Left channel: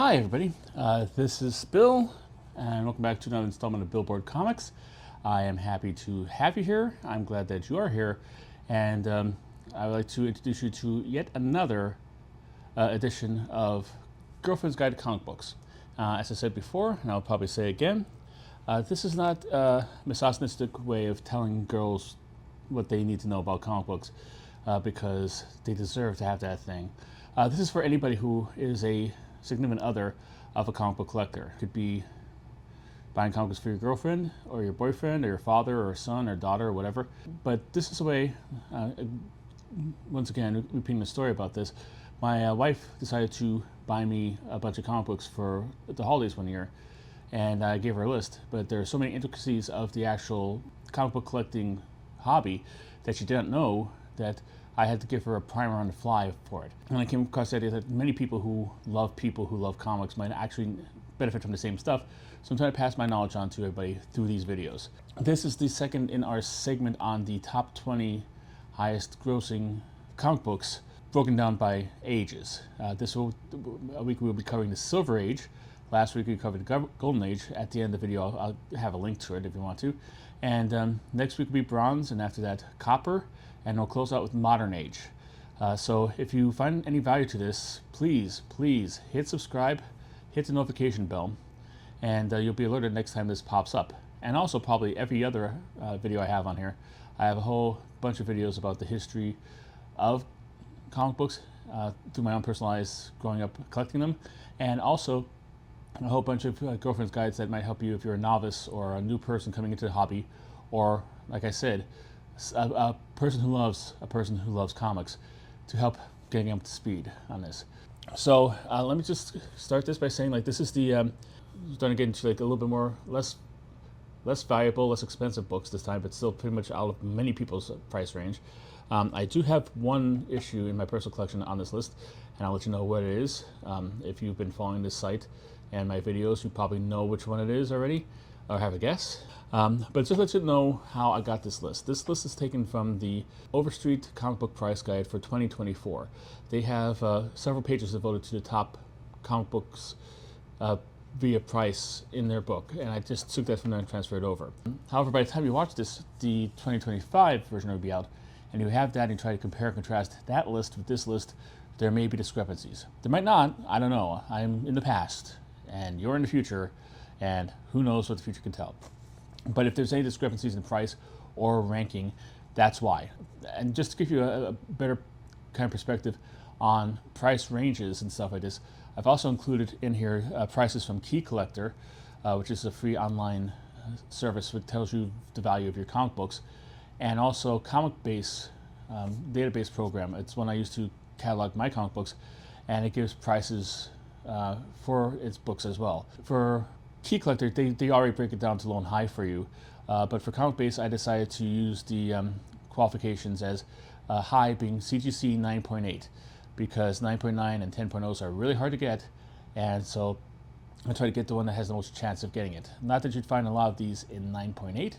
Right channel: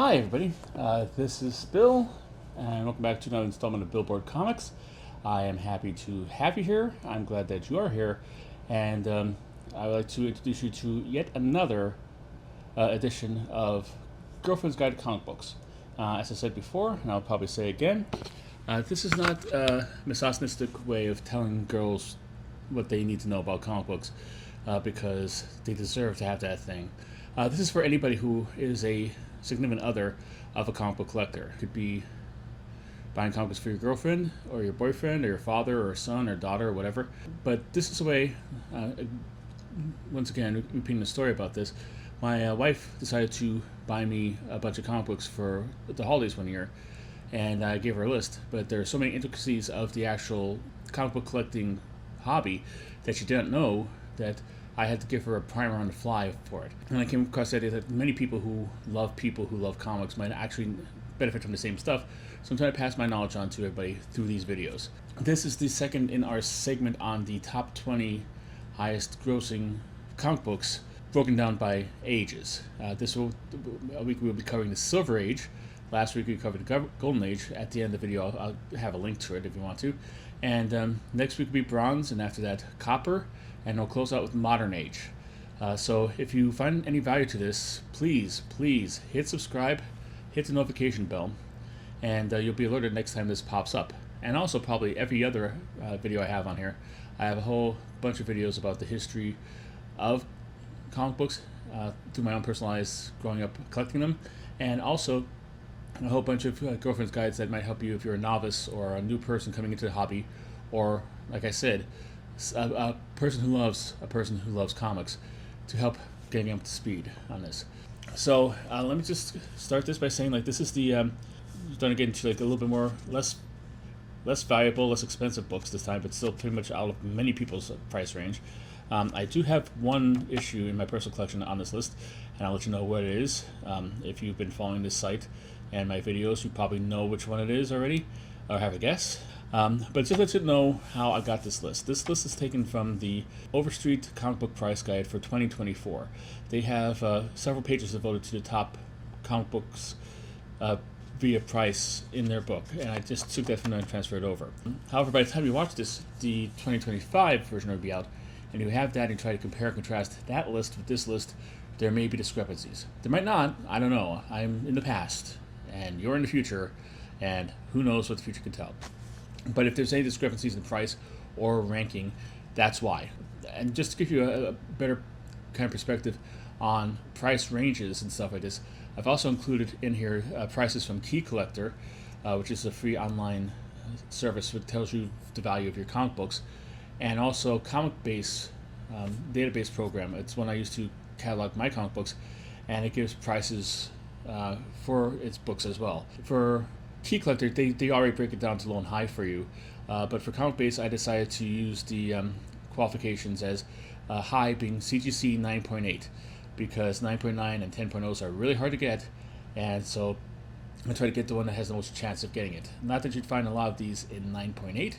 Hi, everybody. This is Bill, and welcome back to another installment of Billboard Comics. I am happy to have you here. I'm glad that you are here, and I would like to introduce you to yet another edition of Girlfriend's Guide to Comic Books. As I said before, and I'll probably say again, this is not a misogynistic way of telling girls what they need to know about comic books because they deserve to have that thing. This is for anybody who is a significant other of a comic book collector. It could be buying comic books for your girlfriend or your boyfriend or your father or son or daughter or whatever. But this is a way, once again, repeating the story about this, my wife decided to buy me a bunch of comic books for the holidays one year, and I gave her a list. But there are so many intricacies of the actual comic book collecting hobby that she didn't know that I had to give her a primer on the fly for it. And I came across the idea that many people who love comics might actually benefit from the same stuff. So I'm trying to pass my knowledge on to everybody through these videos. This is the second in our segment on the top 20 highest grossing comic books broken down by ages. This week we'll be covering the Silver Age. Last week we covered the Golden Age. At the end of the video I'll have a link to it if you want to. And next week will be Bronze, and after that Copper. And we'll close out with Modern Age. So if you find any value to this, please hit subscribe, hit the notification bell, and you'll be alerted next time this pops up. And also probably every other video I have on here. I have a whole bunch of videos about the history of comic books through my own personalized growing up collecting them, and also a whole bunch of girlfriend's guides that might help you if you're a novice or a new person coming into the hobby, or like I said, a person who loves comics, to help getting up to speed on this. So let me just start this by saying, like, this is the starting to get into like a little bit more less valuable, less expensive books this time, but still pretty much out of many people's price range. I do have one issue in my personal collection on this list, and I'll let you know what it is. If you've been following this site and my videos, you probably know which one it is already, or have a guess. But just let you know how I got this list. This list is taken from the Overstreet Comic Book Price Guide for 2024. They have several pages devoted to the top comic books via price in their book, and I just took that from there and transferred it over. However, by the time you watch this, the 2025 version will be out, and you have that and try to compare and contrast that list with this list, there may be discrepancies. There might not, I don't know. I'm in the past, and you're in the future, and who knows what the future can tell. But if there's any discrepancies in price or ranking, that's why. And just to give you a better kind of perspective on price ranges and stuff like this, I've also included in here prices from Key Collector, which is a free online service that tells you the value of your comic books, and also Comic Base database program. It's one I use to catalog my comic books, and it gives prices for its books as well. For Key Collector, they already break it down to low and high for you, but for Comic Base, I decided to use the qualifications as high being CGC 9.8, because 9.9 and 10.0s are really hard to get, and so I try to get the one that has the most chance of getting it. Not that you'd find a lot of these in 9.8.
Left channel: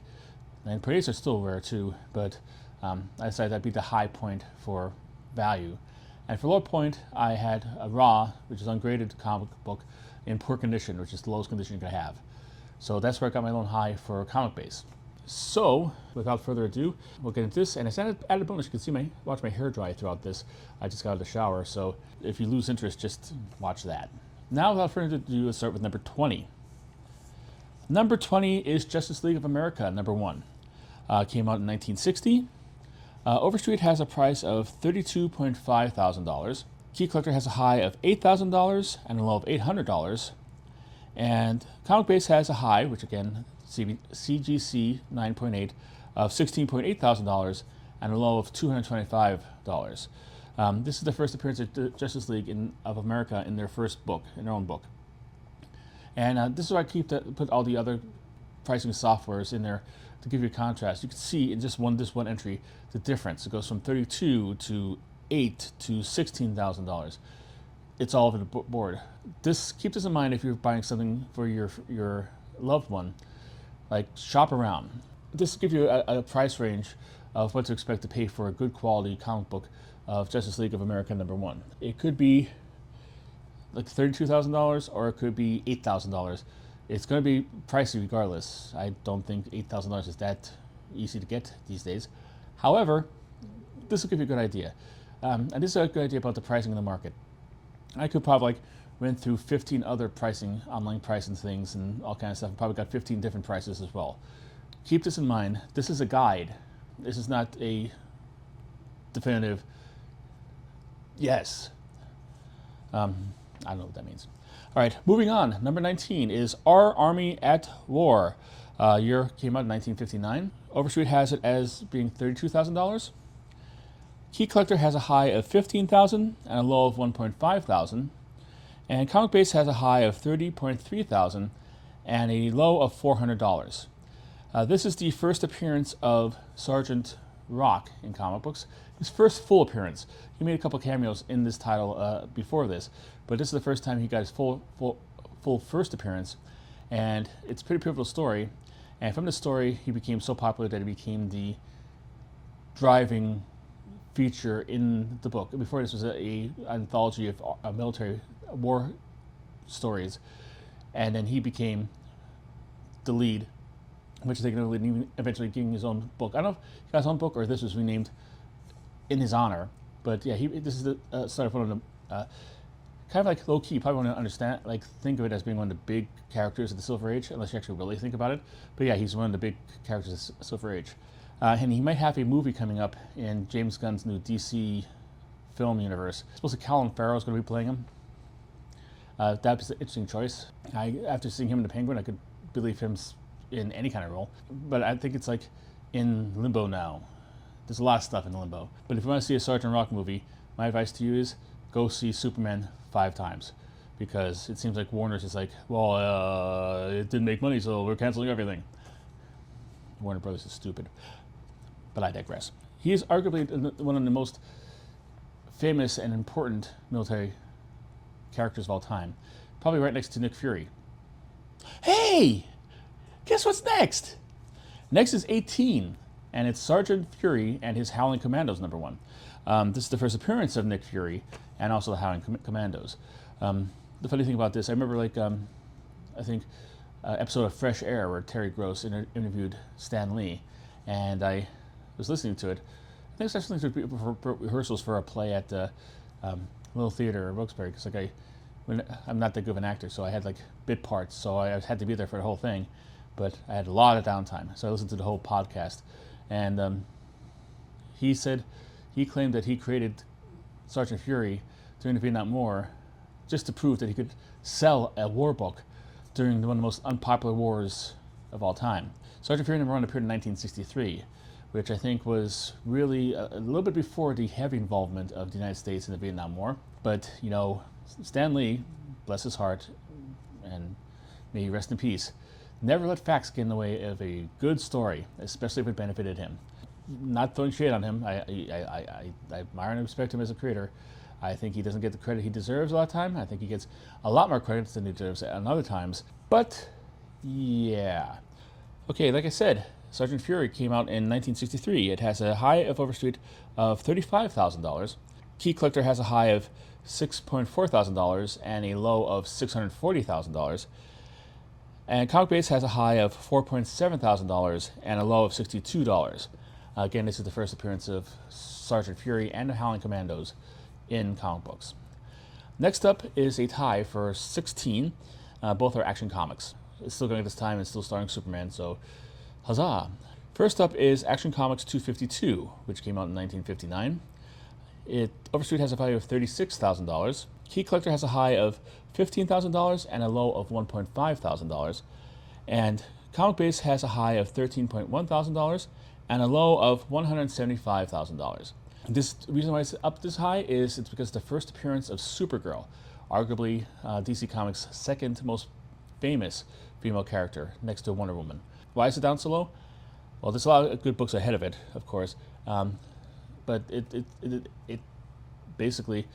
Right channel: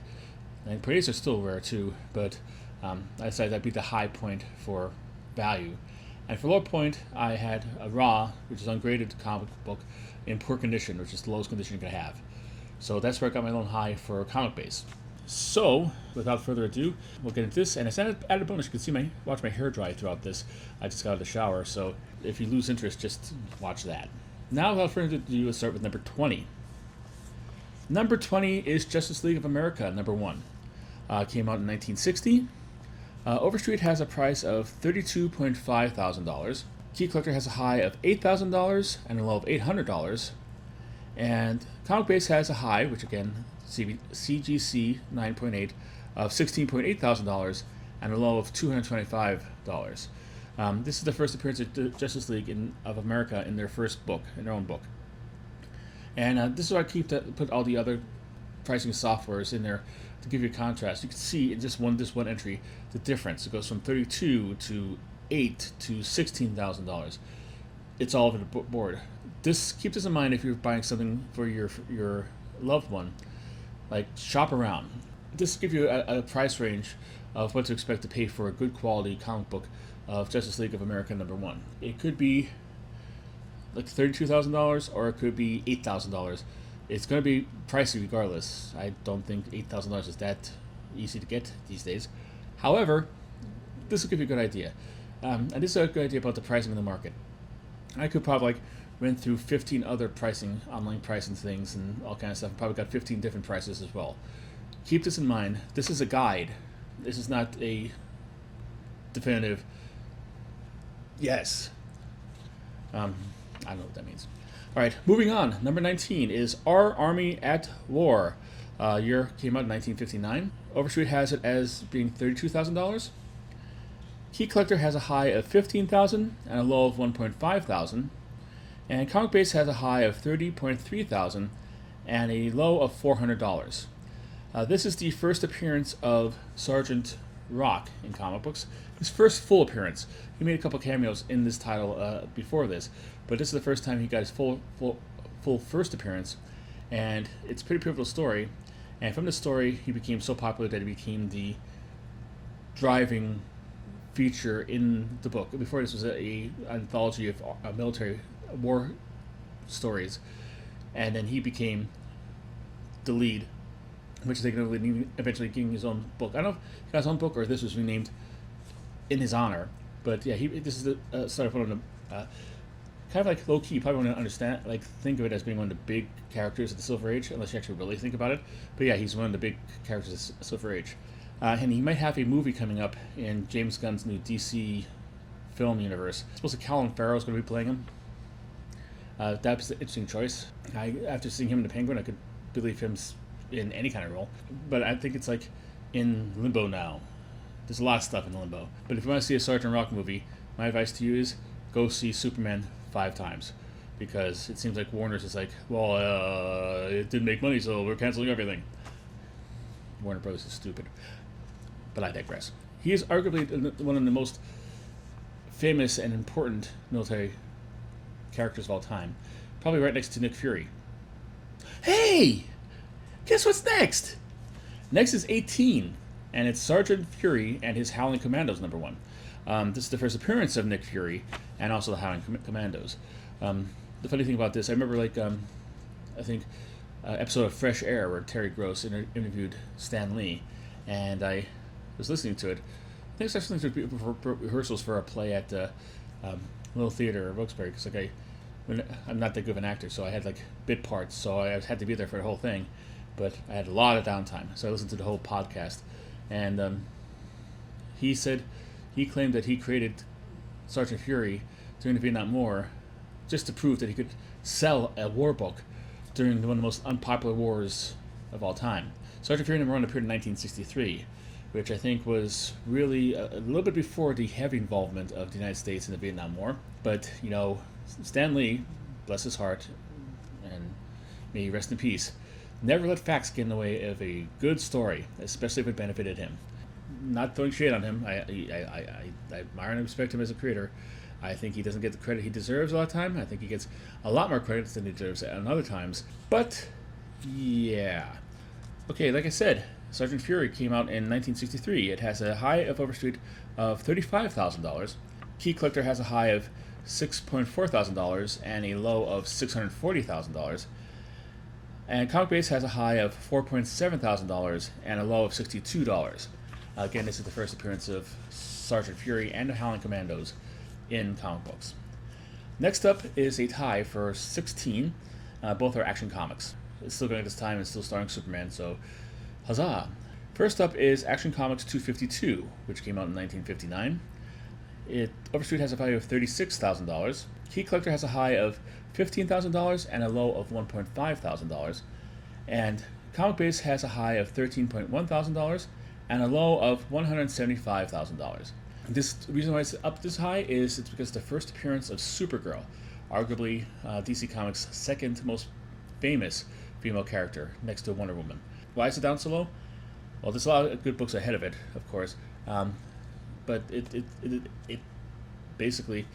9.8s are still rare too, but I decided that'd be the high point for value. And for low point, I had a raw, which is ungraded comic book, in poor condition, which is the lowest condition you can have. So that's where I got my low and high for Comic Base. So without further ado, we'll get into this. And as an added bonus, you can see watch my hair dry throughout this. I just got out of the shower, so if you lose interest, just watch that. Now, without further ado, let's start with number 20. Number 20 is Justice League of America, number 1. Came out in 1960. Overstreet has a price of $32.5 thousand. Key Collector has a high of $8,000 and a low of $800. And Comic Base has a high, which again, CGC 9.8, of $16.8 thousand and a low of $225. This is the first appearance of the Justice League of America in their first book, in their own book. And this is why I put all the other pricing softwares in there to give you a contrast. You can see in just this one entry the difference. It goes from $32 to $8 to $16,000. It's all over the board. Keep this in mind if you're buying something for your loved one. Like, shop around. This will give you a price range of what to expect to pay for a good quality comic book of Justice League of America number 1. It could be like $32,000 or it could be $8,000. It's going to be pricey regardless. I don't think $8,000 is that easy to get these days. However, this will give you a good idea. And this is a good idea about the pricing in the market. I could probably went through 15 other online pricing things and all kinds of stuff. Probably got 15 different prices as well. Keep this in mind. This is a guide. This is not a definitive yes. I don't know what that means. All right, moving on. Number 19 is Our Army at War. Year came out in 1959. Overstreet has it as being $32,000. Key Collector has a high of $15,000 and a low of $1,500. And Comic Base has a high of $30,300 and a low of $400. This is the first appearance of Sergeant Rock in comic books. His first full appearance. He made a couple cameos in this title before this, but this is the first time he got his full first appearance, and it's a pretty pivotal story. And from the story, he became so popular that he became the driving feature in the book. Before this was a anthology of military war stories, and then he became the lead, which they can eventually getting his own book. I don't know if he got his own book or this was renamed in his honor, but yeah, this is the sort of one of the kind of like low key. You probably want to understand, like, think of it as being one of the big characters of the Silver Age, unless you actually really think about it. But yeah, he's one of the big characters of the Silver Age, and he might have a movie coming up in James Gunn's new DC film universe. Supposed to Colin Farrell's going to be playing him. That's an interesting choice. After seeing him in The Penguin, I could believe him in any kind of role. But I think it's like in limbo now. There's a lot of stuff in limbo. But if you want to see a Sergeant Rock movie, my advice to you is go see Superman 5 times. Because it seems like Warner's is like, well, it didn't make money, so we're canceling everything. Warner Brothers is stupid. But I digress. He is arguably one of the most famous and important military characters of all time. Probably right next to Nick Fury. Hey! Guess what's next? Next is 18, and it's Sergeant Fury and his Howling Commandos #1. This is the first appearance of Nick Fury and also the Howling Commandos. The funny thing about this, I remember I think episode of Fresh Air where Terry Gross interviewed Stan Lee, and I was listening to it. I think I was actually listening to rehearsals for a play at Little Theater in Wilkes-Barre, because I'm not that good of an actor, so I had bit parts, so I had to be there for the whole thing. But I had a lot of downtime, so I listened to the whole podcast. And he claimed that he created Sergeant Fury during the Vietnam War just to prove that he could sell a war book during one of the most unpopular wars of all time. Sergeant Fury #1 appeared in 1963, which I think was really a little bit before the heavy involvement of the United States in the Vietnam War. But, Stan Lee, bless his heart, and may he rest in peace, never let facts get in the way of a good story, especially if it benefited him. Not throwing shade on him. I admire and respect him as a creator. I think he doesn't get the credit he deserves a lot of time. I think he gets a lot more credit than he deserves at other times. But, yeah. Okay, like I said, Sergeant Fury came out in 1963. It has a high of Overstreet of $35,000. Key Collector has a high of $6,400 and a low of $640,000. And Comic Base has a high of $4,700 and a low of $62. Again, this is the first appearance of Sergeant Fury and the Howling Commandos in comic books. Next up is a tie for 16. Both are Action Comics. It's still going at this time and still starring Superman, so huzzah! First up is Action Comics 252, which came out in 1959. Overstreet has a value of $36,000. Key Collector has a high of $15,000 and a low of $1,500. And Comic Base has a high of $13,100 and a low of $175,000. The reason why it's up this high is it's because the first appearance of Supergirl, arguably DC Comics' second most famous female character, next to Wonder Woman. Why is it down so low? Well, there's a lot of good books ahead of it, of course, but it basically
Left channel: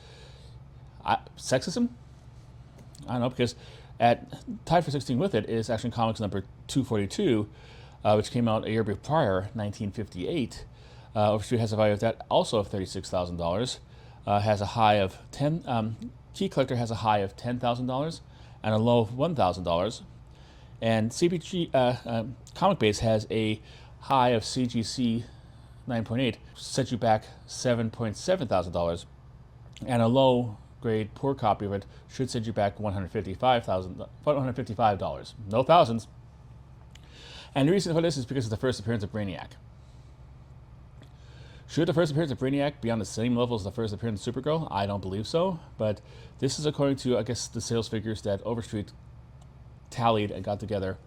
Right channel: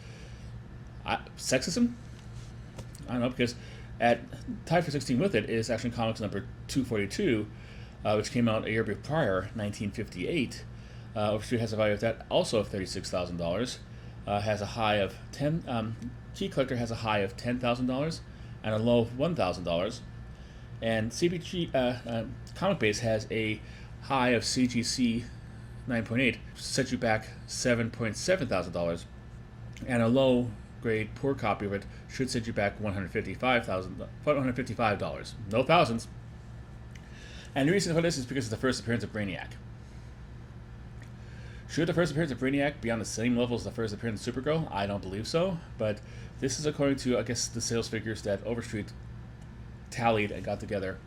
sexism. I don't know, because tied for 16 with it is Action Comics number 242, which came out a year prior, 1958. Overstreet has a value of that also of $36,000. Has a high of Key Collector has a high of $10,000 and a low of $1,000. And CBG Comic Base has a high of CGC 9.8, set you back $7,700, and a low grade poor copy of it should set you back $155. No thousands. And the reason for this is because of the first appearance of Brainiac. Should the first appearance of Brainiac be on the same level as the first appearance of Supergirl? I don't believe so, but this is according to, I guess, the sales figures that Overstreet tallied and got together.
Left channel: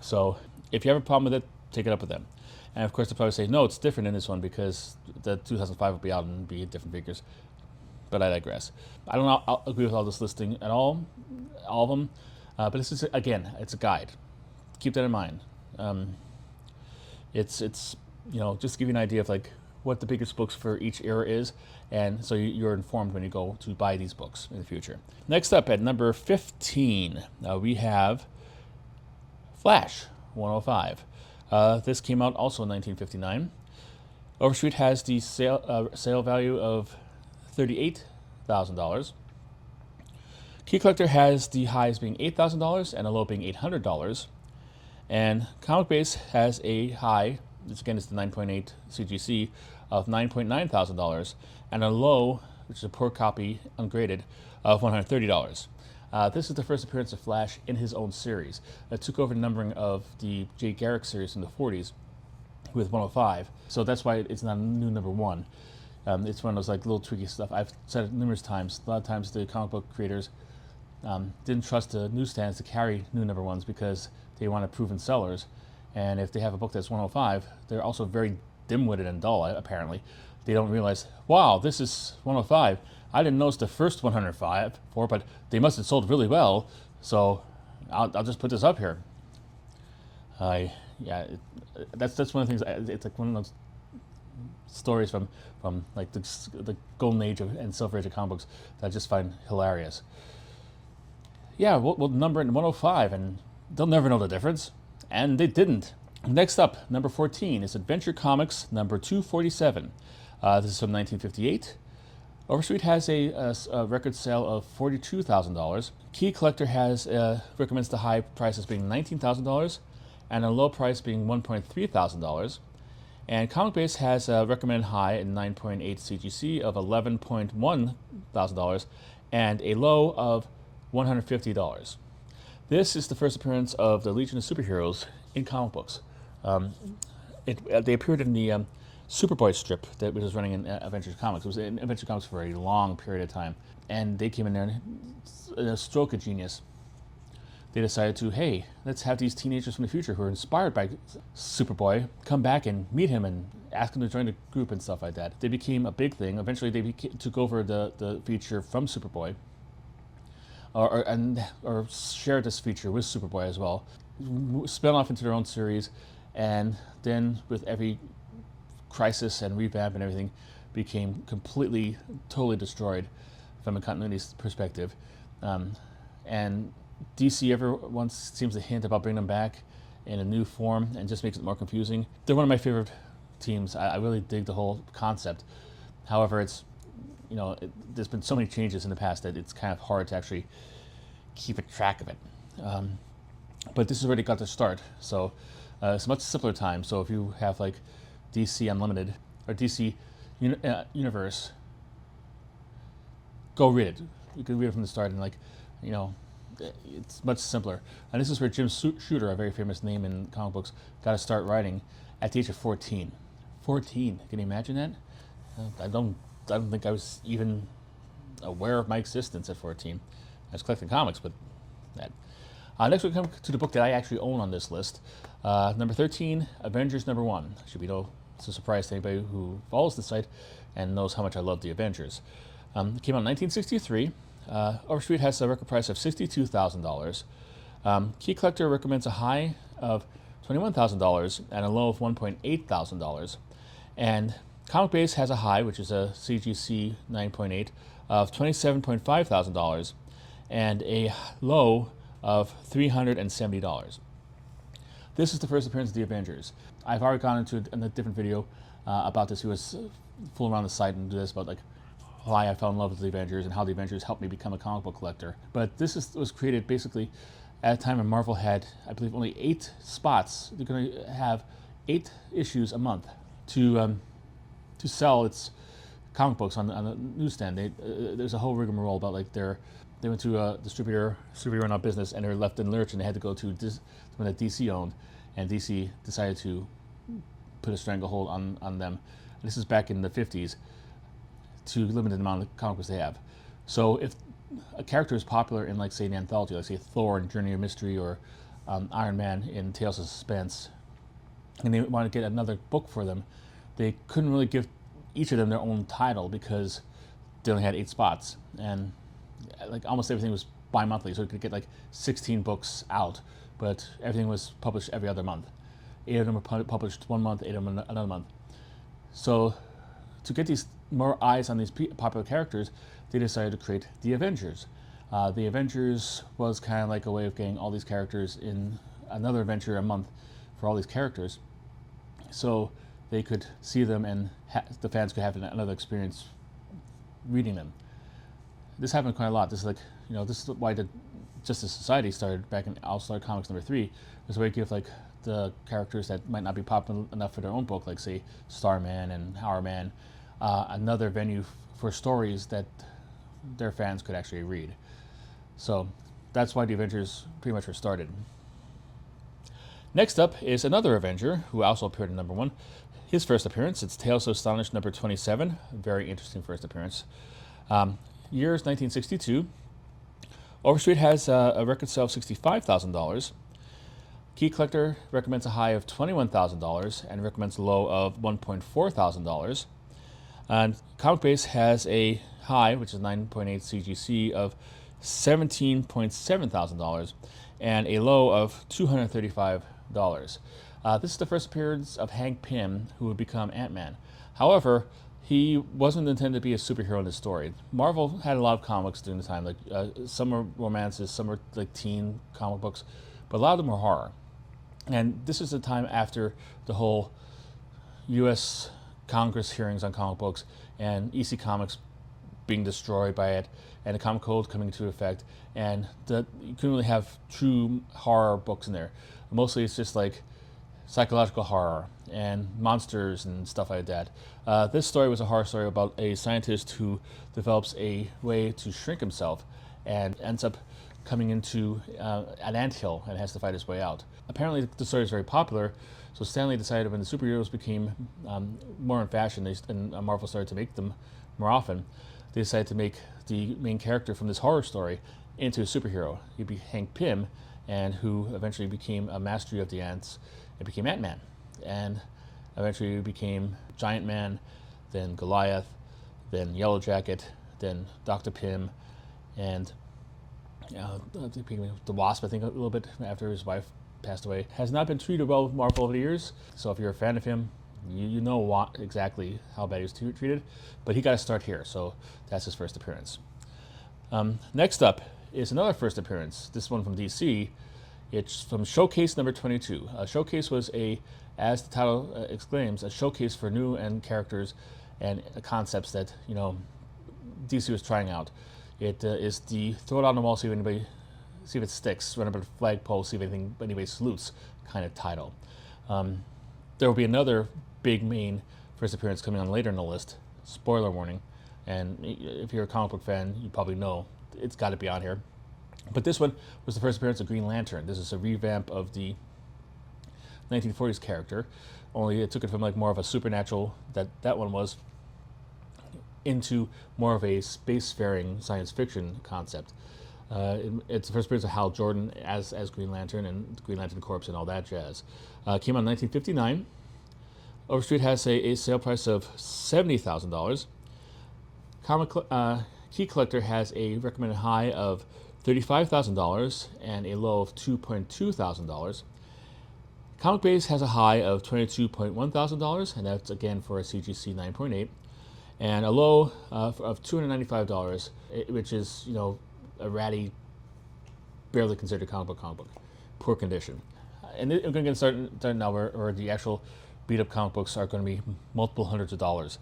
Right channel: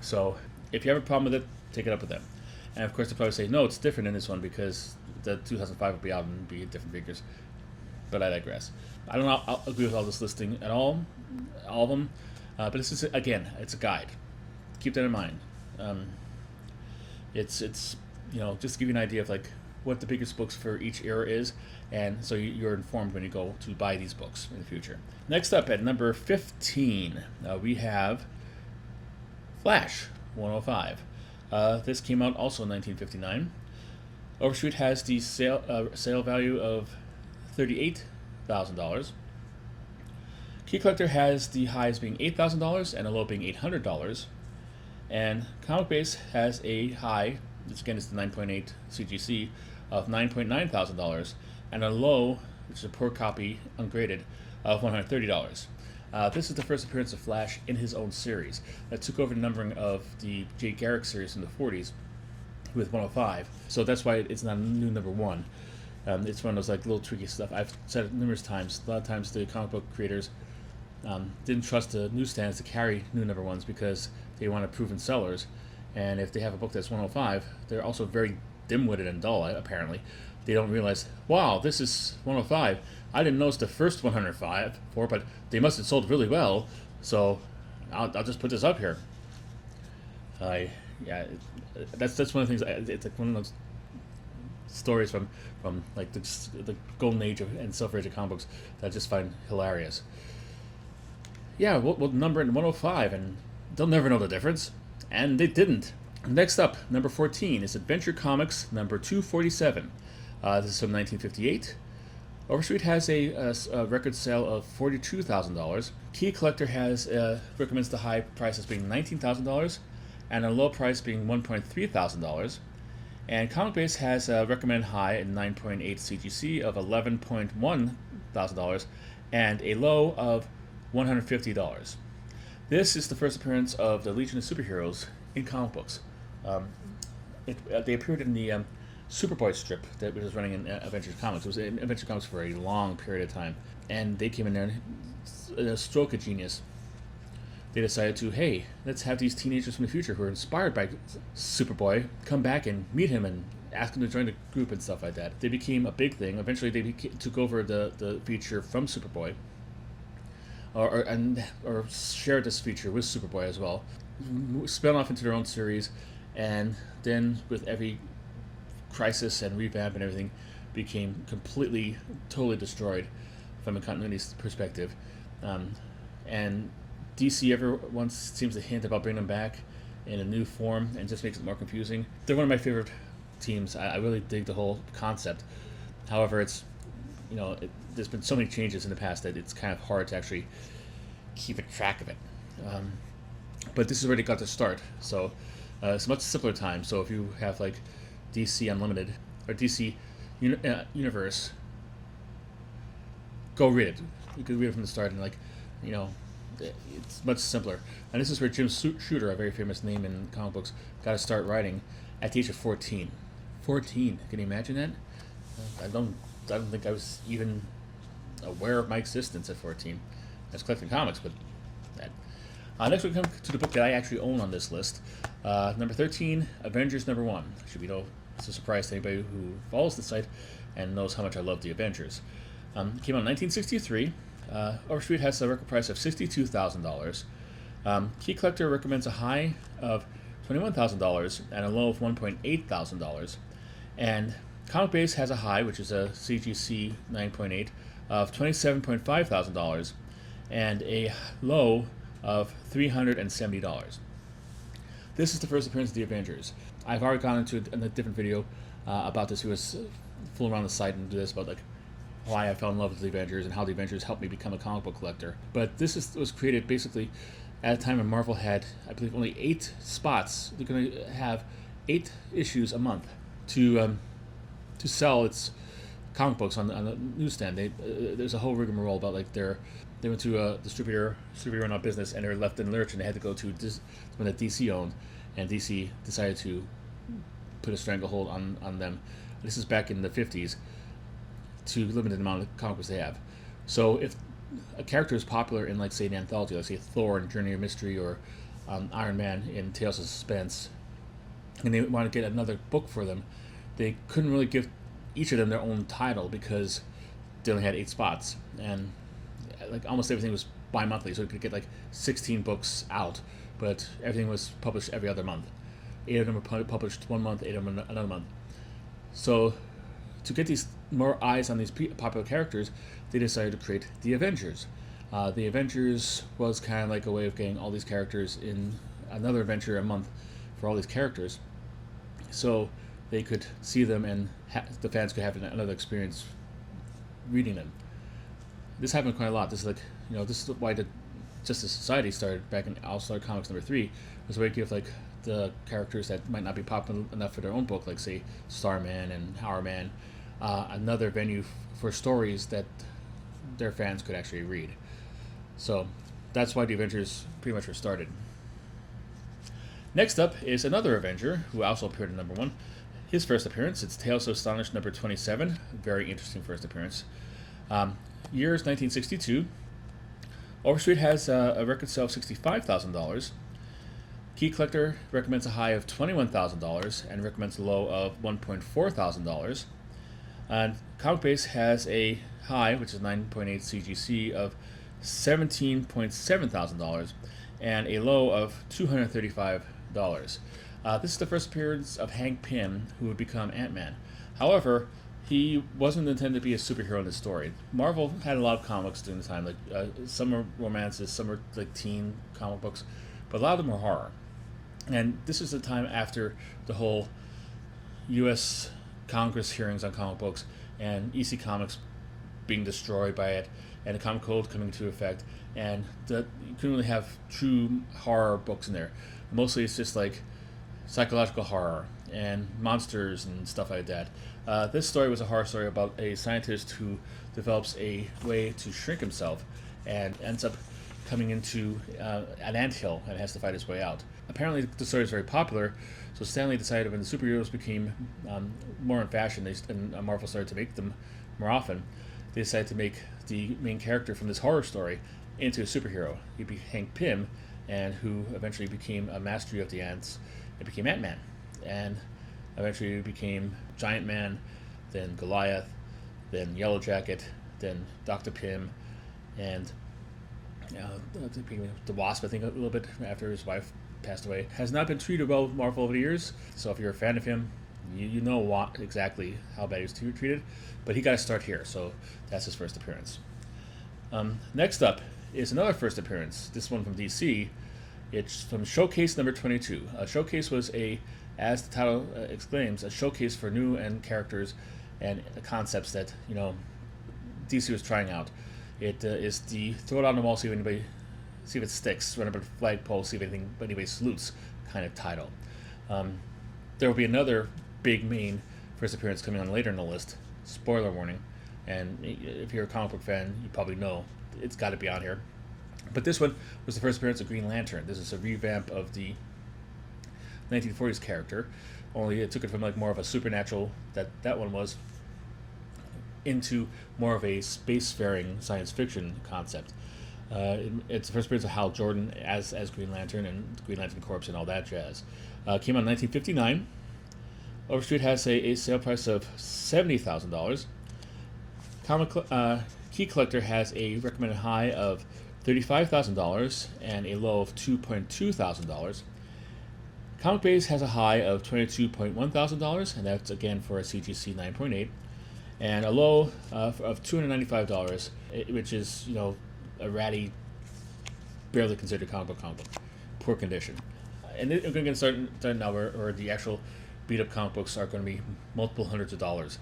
So if you have a problem with it, take it up with them. And of course, they'll probably say, no, it's different in this one because the 2005 will be out and be different figures. But I digress. I don't know, I'll agree with all this listing at all of them. But this is, again, it's a guide. Keep that in mind. It's just to give you an idea of like what the biggest books for each era is, and so you're informed when you go to buy these books in the future. Next up at number 15, we have Flash 105. This came out also in 1959. Overstreet has the sale value of $38,000. Key Collector has the highs being $8,000 and a low being $800. And Comic Base has a high, which again is the 9.8 CGC, of $9,900 and a low, which is a poor copy, ungraded, of $130. This is the first appearance of Flash in his own series that took over the numbering of the Jay Garrick series in the 40s with 105. So that's why it's not a new number one. It's one of those like little tricky stuff. I've said it numerous times. A lot of times the comic book creators didn't trust the newsstands to carry new number ones because they wanted proven sellers. And if they have a book that's 105, they're also very dim-witted and dull, apparently. They don't realize, wow, this is 105. I didn't notice the first 105 for, but they must have sold really well, so I'll just put this up here. That's one of the things. It's like one of those stories from like the golden age and silver age of comic books that I just find hilarious. Yeah, we'll number it in 105, and they'll never know the difference, and they didn't. Next up, number 14 is Adventure Comics number 247. This is from 1958. Overstreet has a record sale of $42,000. Key Collector recommends the high price as being $19,000 and a low price being $1,300. And Comic Base has a recommended high in 9.8 CGC of $11,100 and a low of $150. This is the first appearance of the Legion of Superheroes in comic books. They appeared in the Superboy strip that was running in Adventure Comics. It was in Adventure Comics for a long period of time. And they came in there and a stroke of genius. They decided to, hey, let's have these teenagers from the future who are inspired by Superboy come back and meet him and ask him to join the group and stuff like that. They became a big thing. Eventually they took over the feature from Superboy. Or shared this feature with Superboy as well. Spun off into their own series, and then with every crisis and revamp and everything, became completely, totally destroyed from a continuity perspective. And DC every once seems to hint about bringing them back in a new form and just makes it more confusing. They're one of my favorite teams. I really dig the whole concept. However, it's there's been so many changes in the past that it's kind of hard to actually keep a track of it. But this has already got to start, so it's a much simpler time. So if you have like DC Unlimited or DC Universe, go read it. You can read it from the start, and it's much simpler. And this is where Jim Shooter, a very famous name in comic books, got to start writing at the age of 14. 14, can you imagine that? I don't think I was even aware of my existence at 14. I was collecting comics, but that. Next we come to the book that I actually own on this list. Number 13, Avengers number 1. It's a surprise to anybody who follows the site and knows how much I love the Avengers. It came out in 1963. Overstreet has a record price of $62,000. Key Collector recommends a high of $21,000 and a low of $1,800. And Comic Base has a high, which is a CGC 9.8, of $27,500 and a low of $370. This is the first appearance of the Avengers. I've already gone into a different video about this. He was fooling around the site and do this about like why I fell in love with the Avengers and how the Avengers helped me become a comic book collector. But was created basically at a time when Marvel had, I believe, only 8 spots. They're going to have 8 issues a month to sell its comic books on the newsstand. There's a whole rigmarole about like they went to a distributor run out business, and they were left in lurch, and they had to go to one that DC owned, and DC decided to put a stranglehold on them. This is back in the 50s, to limit the amount of comic books they have. So if a character is popular in, like, say, an anthology, like say Thor in Journey of Mystery, or Iron Man in Tales of Suspense, and they want to get another book for them, they couldn't really give each of them their own title because they only had 8 spots, and like almost everything was bi-monthly, so it could get like 16 books out, but everything was published every other month. 8 of them were published one month, 8 of them another month. So to get these more eyes on these popular characters, they decided to create the Avengers. The Avengers was kind of like a way of getting all these characters in another adventure a month for all these characters, so they could see them, and the fans could have another experience reading them. This happened quite a lot. This is like, this is why the Justice Society started back in All-Star Comics #3. Was a way to give like the characters that might not be popular enough for their own book, like say Starman and Hourman, another venue for stories that their fans could actually read. So that's why the Avengers pretty much were started. Next up is another Avenger who also appeared in #1. His first appearance, it's Tales of Astonish #27. Very interesting first appearance. Years 1962. Overstreet has a record sale of $65,000. Key Collector recommends a high of $21,000 and recommends a low of $1.4,000. And Comic Base has a high, which is 9.8 CGC, of $17,700 and a low of $235. This is the first appearance of Hank Pym, who would become Ant-Man. However, he wasn't intended to be a superhero in this story. Marvel had a lot of comics during the time, like some are romances, some are like teen comic books, but a lot of them were horror. And this is the time after the whole U.S. Congress hearings on comic books and EC Comics being destroyed by it, and the Comic Code coming into effect, and you couldn't really have true horror books in there. Mostly it's just like psychological horror and monsters and stuff like that. This story was a horror story about a scientist who develops a way to shrink himself and ends up coming into an anthill and has to fight his way out. Apparently the story is very popular, so Stanley decided when the superheroes became more in fashion, and Marvel started to make them more often, they decided to make the main character from this horror story into a superhero. He'd be Hank Pym, and who eventually became a mastery of the ants and became Ant-Man. And eventually became Giant Man, then Goliath, then Yellow Jacket, then Dr. Pym, and the Wasp, I think, a little bit after his wife passed away. Has not been treated well with Marvel over the years, so if you're a fan of him, you know exactly how bad he was treated, but he got to start here, so that's his first appearance. Next up is another first appearance, this one from DC. It's from Showcase #22. Showcase was as the title exclaims, a showcase for new and characters and concepts that DC was trying out. It is the throw it on the wall, see if it sticks, run up a flagpole, see if anybody salutes kind of title. There will be another big main first appearance coming on later in the list. Spoiler warning, and if you're a comic book fan, you probably know it's got to be on here. But this one was the first appearance of Green Lantern. This is a revamp of the 1940s character, only it took it from like more of a supernatural that one was into more of a spacefaring science fiction concept. It's the first appearance of Hal Jordan as Green Lantern and Green Lantern Corps and all that jazz. Came out in 1959. Overstreet has a sale price of $70,000. Key Collector has a recommended high of $35,000 and a low of $2,200. Comic Base has a high of $22,100, and that's again for a CGC 9.8, and a low of $295, which is a ratty, barely considered comic book. Poor condition. And we're going to get started now where the actual beat up comic books are going to be multiple hundreds of dollars.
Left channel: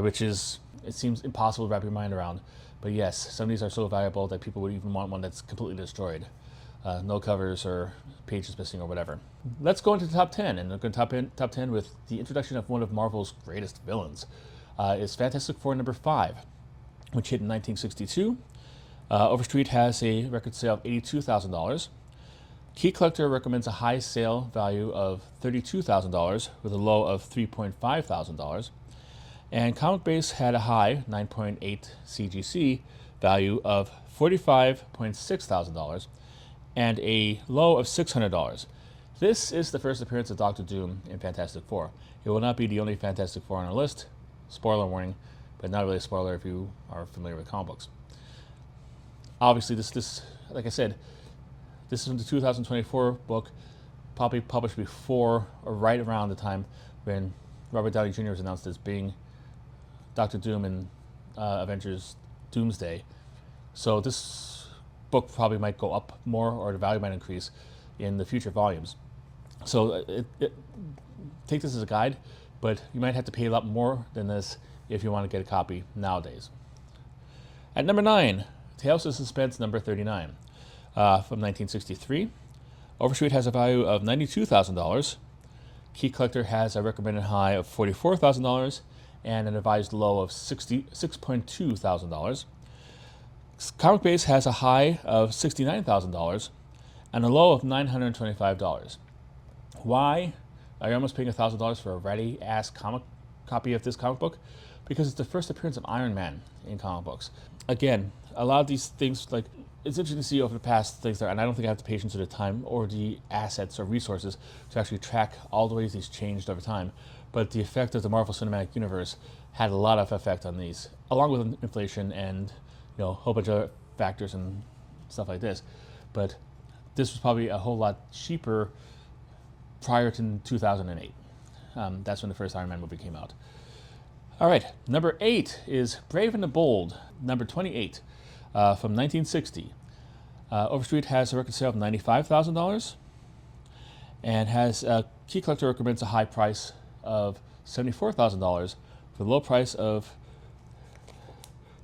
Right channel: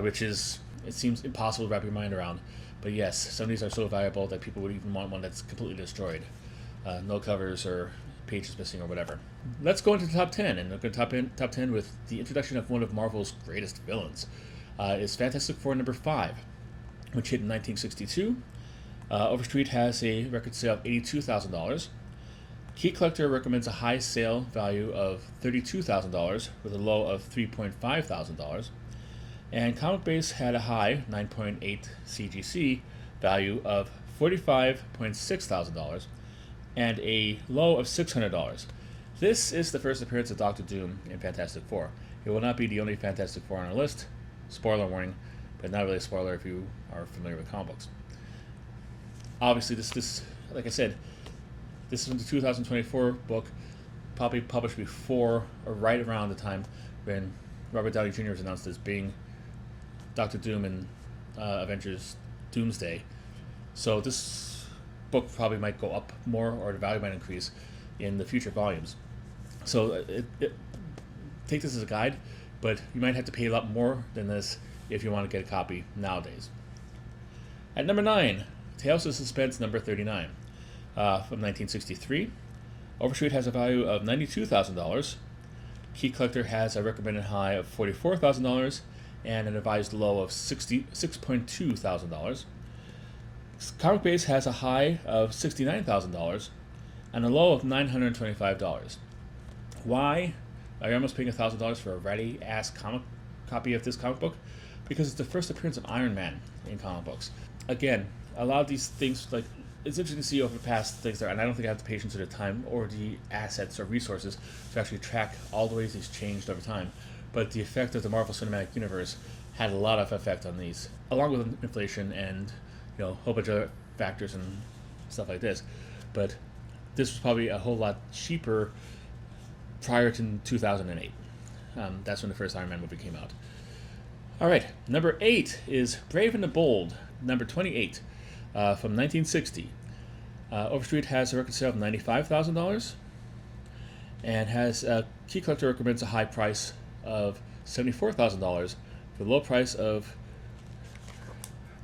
which is, it seems impossible to wrap your mind around. But yes, some of these are so valuable that people would even want one that's completely destroyed. No covers or pages missing or whatever. Let's go into the top 10, and we're going to top 10 with the introduction of one of Marvel's greatest villains. It's Fantastic Four number 5, which hit in 1962. Overstreet has a record sale of $82,000. Key Collector recommends a high sale value of $32,000 with a low of $3,500. And Comic Base had a high 9.8 CGC value of $45,600 and a low of $600. This is the first appearance of Doctor Doom in Fantastic Four. It will not be the only Fantastic Four on our list. Spoiler warning, but not really a spoiler if you are familiar with comic books. Obviously, this like I said, this is from the 2024 book, probably published before or right around the time when Robert Downey Jr. was announced as being Doctor Doom in Avengers Doomsday. So this book probably might go up more, or the value might increase in the future volumes. So take this as a guide, but you might have to pay a lot more than this if you want to get a copy nowadays. At number 9, Tales of Suspense number 39, from 1963. Overstreet has a value of $92,000. Key Collector has a recommended high of $44,000 and an advised low of $6.2 thousand. Comic Base has a high of $69,000 and a low of $925. Why are you almost paying $1,000 for a ready-ass copy of this comic book? Because it's the first appearance of Iron Man in comic books. Again, a lot of these things, like, it's interesting to see over past things there, and I don't think I have the patience or the time or the assets or resources to actually track all the ways these changed over time. But the effect of the Marvel Cinematic Universe had a lot of effect on these, along with inflation and a whole bunch of other factors and stuff like this. But this was probably a whole lot cheaper prior to 2008. That's when the first Iron Man movie came out. All right, number 8 is Brave and the Bold, number 28, from 1960. Overstreet has a record sale of $95,000 and has Key Collector recommends a high price of $74,000 for a low price of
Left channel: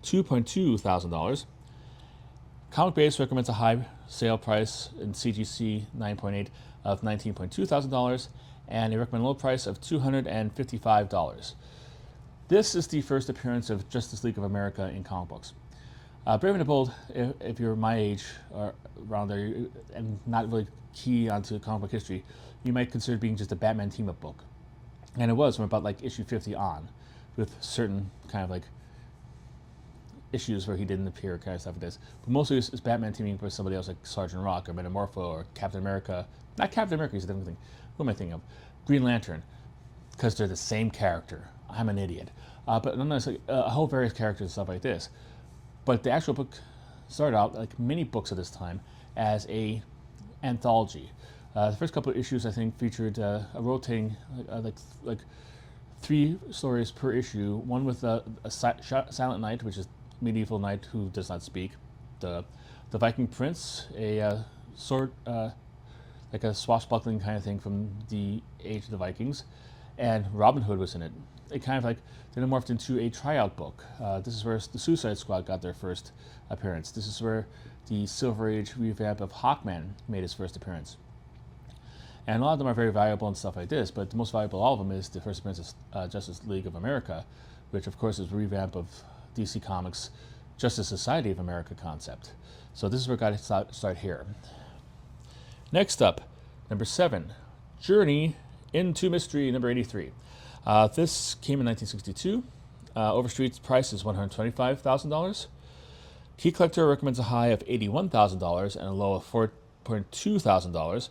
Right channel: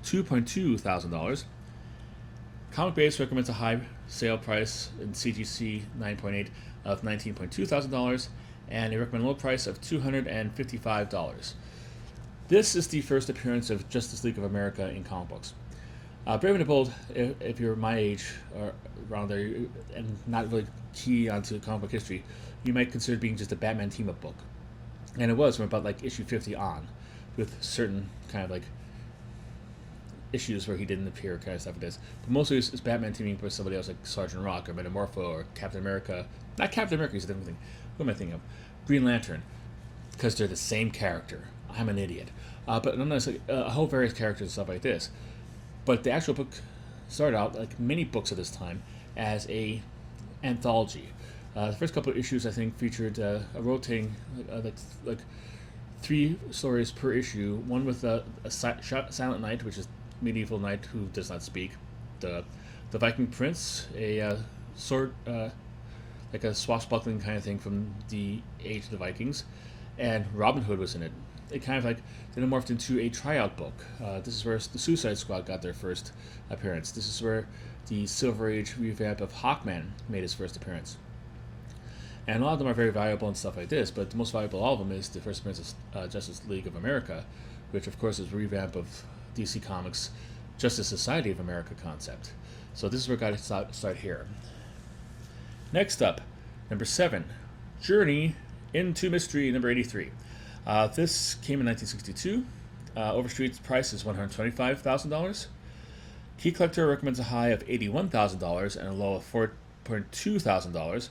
$2,200. Comic Base recommends a high sale price in CGC 9.8 of $19,200 and a recommended low price of $255. This is the first appearance of Justice League of America in comic books. Brave and the Bold, if you're my age or around there and not really key onto comic book history, you might consider being just a Batman team-up book. And it was from about like issue 50 on, with certain kind of like issues where he didn't appear, kind of stuff it is. But mostly it's Batman teaming up with somebody else like Sergeant Rock or Metamorpho or Captain America. Not Captain America, he's a different thing. What am I thinking of? Green Lantern, because they're the same character. I'm an idiot. But nonetheless, a whole various characters and stuff like this. But the actual book started out like many books at this time as a anthology. The first couple of issues I think featured a rotating like 3 stories per issue. One with a silent knight, which is medieval knight who does not speak. The Viking prince, a sword like a swashbuckling kind of thing from the age of the Vikings, and Robin Hood was in it. It kind of like then it morphed into a tryout book. This is where the Suicide Squad got their first appearance. This is where the Silver Age revamp of Hawkman made his first appearance. And a lot of them are very valuable and stuff like this, but the most valuable of all of them is the first appearance of Justice League of America, which of course is a revamp of DC Comics' Justice Society of America concept. So this is where I got to start here. Next up, number 7, Journey into Mystery, number 83. This came in 1962. Overstreet's price is $125,000. Key Collector recommends a high of $81,000 and a low of $4,200.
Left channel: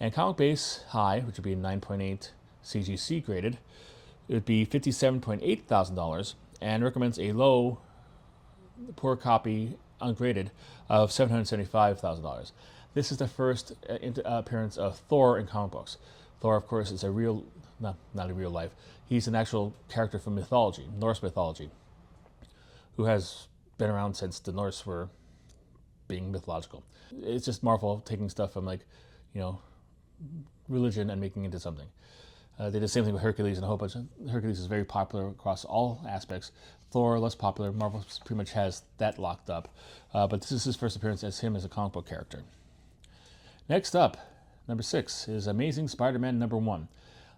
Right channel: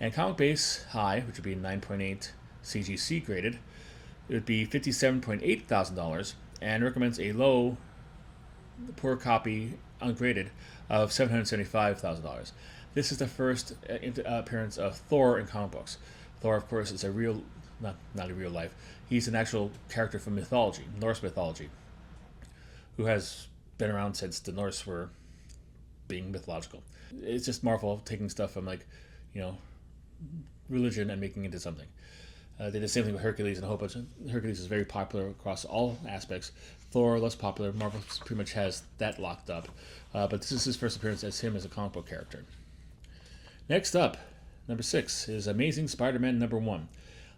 And Comic Base high, which would be 9.8 CGC graded, it would be $57,800 and recommends a low, poor copy, ungraded, of $775,000. This is the first appearance of Thor in comic books. Thor, of course, is a real, not a real life. He's an actual character from mythology, Norse mythology, who has been around since the Norse were being mythological. It's just Marvel taking stuff from religion and making it into something. They did the same thing with Hercules and a whole bunch. Hercules is very popular across all aspects. Thor, less popular. Marvel pretty much has that locked up. But this is his first appearance as him as a comic book character. Next up, number 6 is Amazing Spider-Man number 1.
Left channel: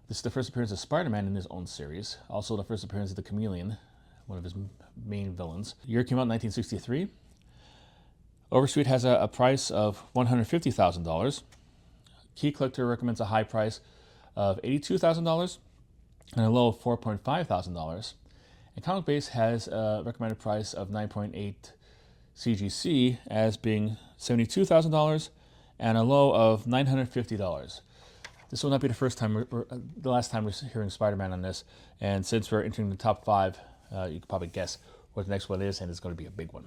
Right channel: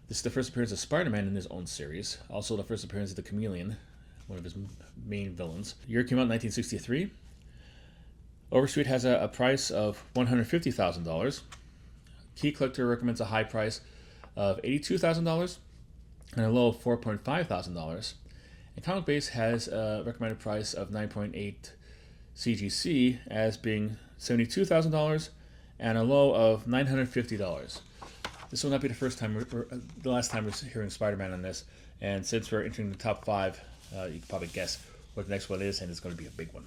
This is the first appearance of Spider-Man in his own series. Also the first appearance of the Chameleon, one of his main villains. The year came out in 1963. Overstreet has a price of $150,000. Key Collector recommends a high price of $82,000 and a low of $4,500. And Comic Base has a recommended price of 9.8 CGC as being $72,000 and a low of $950. This will not be the the last time we're hearing Spider-Man on this. And since we're entering the top 5, you can probably guess what the next one is, and it's going to be a big one.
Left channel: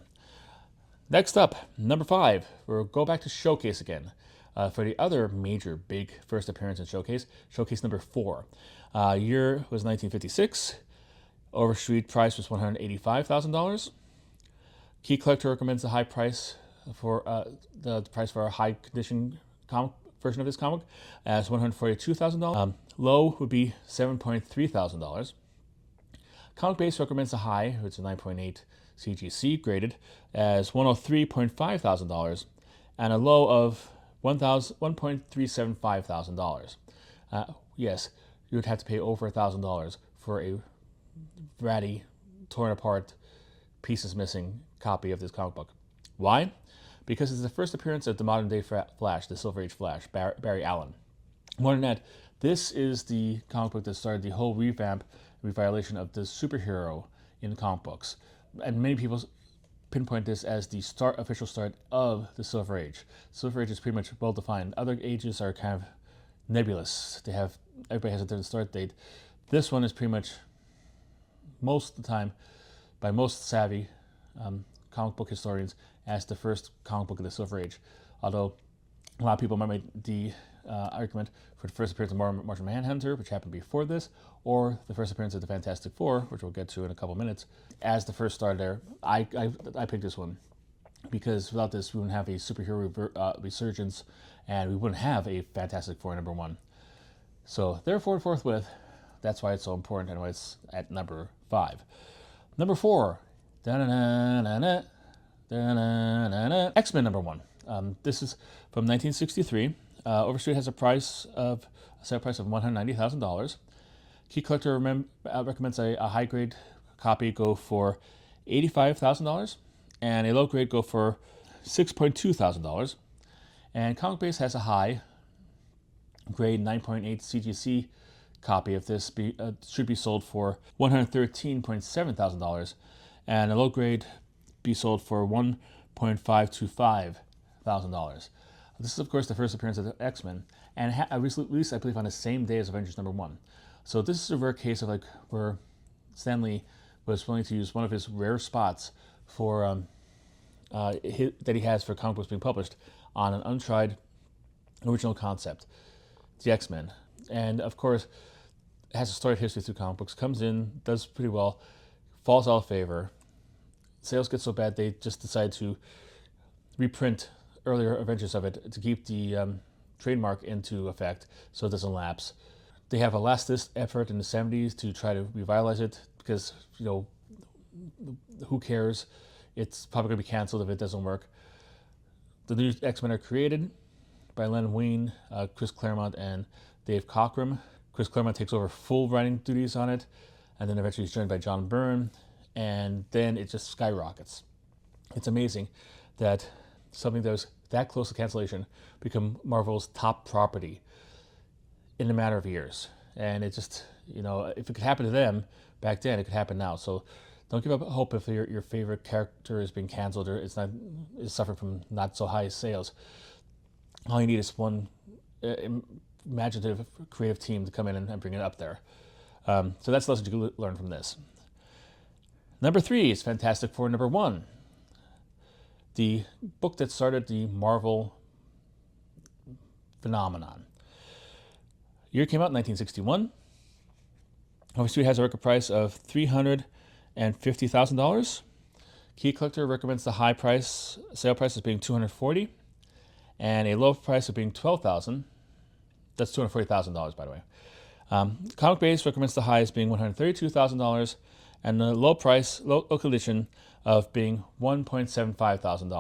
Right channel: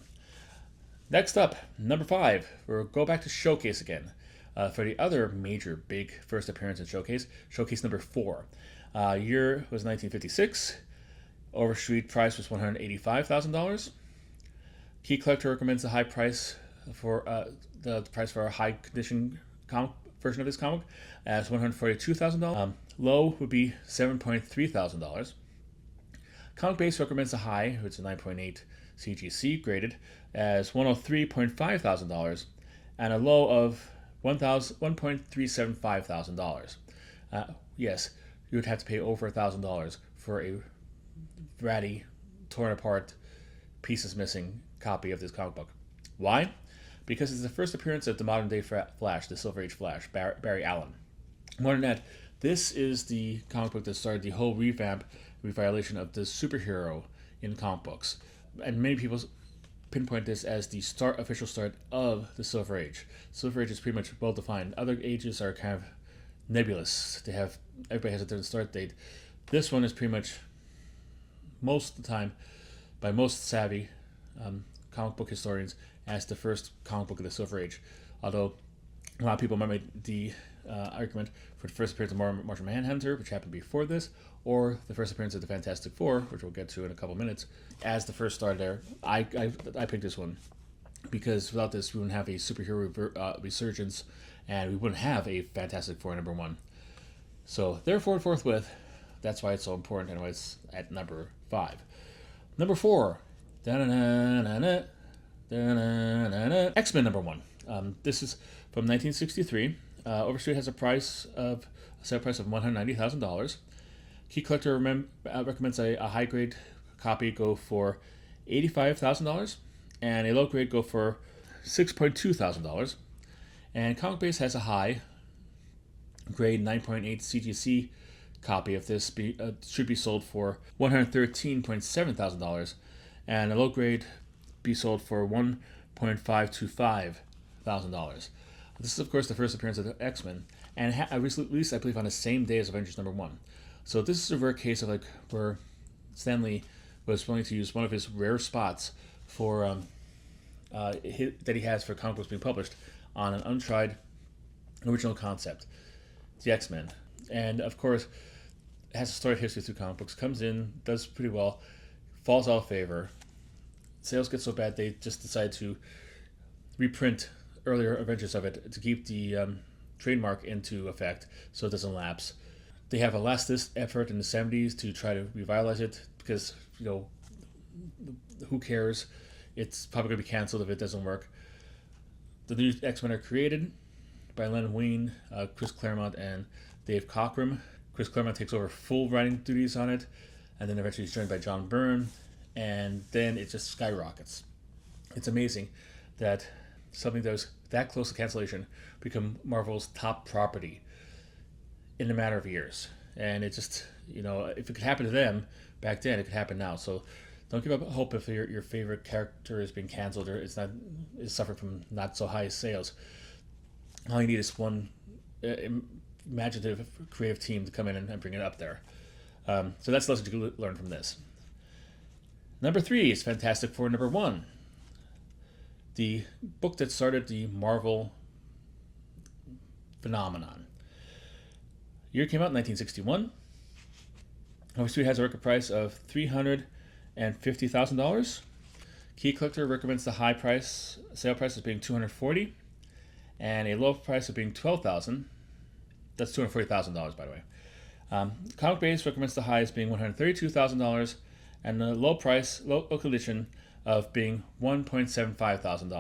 Next up, number 5, we'll go back to Showcase again. For the other major big first appearance in Showcase, Showcase number 4. Year was 1956. Overstreet price was $185,000. Key Collector recommends a high price for the price for a high condition version of this comic as $142,000. Low would be $7,300. Comic Base recommends a high, which is 9.8 CGC graded, as $103,500 and a low of $1,375,000. Yes, you would have to pay over $1,000 for a ratty, torn apart, pieces missing copy of this comic book. Why? Because it's the first appearance of the modern day Flash, the Silver Age Flash, Barry Allen. More than that, this is the comic book that started the whole revitalization of the superhero in comic books. And many people pinpoint this as the official start of the Silver Age. Silver Age is pretty much well defined. Other ages are kind of nebulous. Everybody has a different start date. This one is pretty much, most of the time, by most savvy comic book historians, as the first comic book of the Silver Age. Although a lot of people might make the argument for the first appearance of Martian Manhunter, which happened before this, or the first appearance of the Fantastic Four, which we'll get to in a couple minutes, as the first star there. I picked this one because without this, we wouldn't have a superhero resurgence, and we wouldn't have a Fantastic Four number 1. So therefore, forthwith, that's why it's so important and why it's at number 5. Number 4, X-Men number 1. This is from 1963. Overstreet has a set price of $190,000. Key Collector recommends a high grade copy go for $85,000 and a low grade go for $6,200. And Comic Base has a high grade 9.8 CGC copy of this should be sold for $113,700 and a low grade be sold for $1,525,000. This is, of course, the first appearance of the X-Men, and released, I believe, on the same day as Avengers number 1. So this is a rare case of where Stan Lee was willing to use one of his rare spots for that he has for comic books being published on an untried original concept, the X-Men. And of course, it has a storied history through comic books, comes in, does pretty well, falls out of favor. Sales get so bad they just decide to reprint earlier Avengers of it to keep the trademark into effect so it doesn't lapse. They have a last-ditch effort in the 70s to try to revitalize it because, who cares? It's probably going to be canceled if it doesn't work. The new X-Men are created by Len Wein, Chris Claremont, and Dave Cockrum. Chris Claremont takes over full writing duties on it, and then eventually he's joined by John Byrne, and then it just skyrockets. It's amazing that something that was that close to cancellation become Marvel's top property in a matter of years. And it just, if it could happen to them back then, it could happen now. So don't give up hope if your favorite character is being canceled or is suffering from not so high sales. All you need is one imaginative, creative team to come in and bring it up there. So that's the lesson to learn from this. Number 3 is Fantastic Four number 1. The book that started the Marvel phenomenon. Year came out in 1961. Overstreet has a record price of $350,000. Key Collector recommends the sale price as being $240,000, and a low price of being $12,000. That's $240,000, by the way. Comic Base recommends the high as being $132,000 and the local edition of being $1.75 thousand.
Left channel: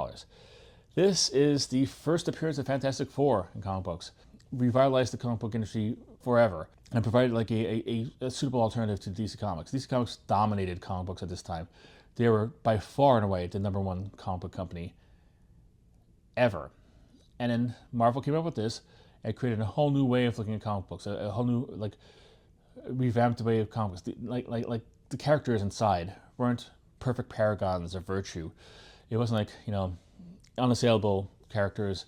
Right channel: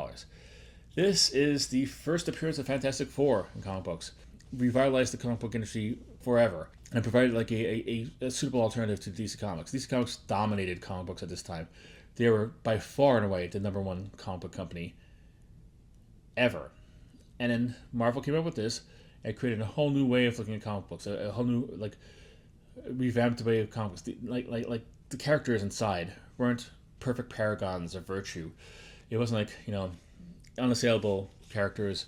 This is the first appearance of Fantastic Four in comic books. Revitalized the comic book industry forever and provided like a suitable alternative to DC Comics. DC Comics dominated comic books at this time. They were by far and away the number one comic book company ever. And then Marvel came up with this and created a whole new way of looking at comic books, a whole new like revamped way of comics. Like the characters inside weren't perfect paragons of virtue. It wasn't like, unassailable characters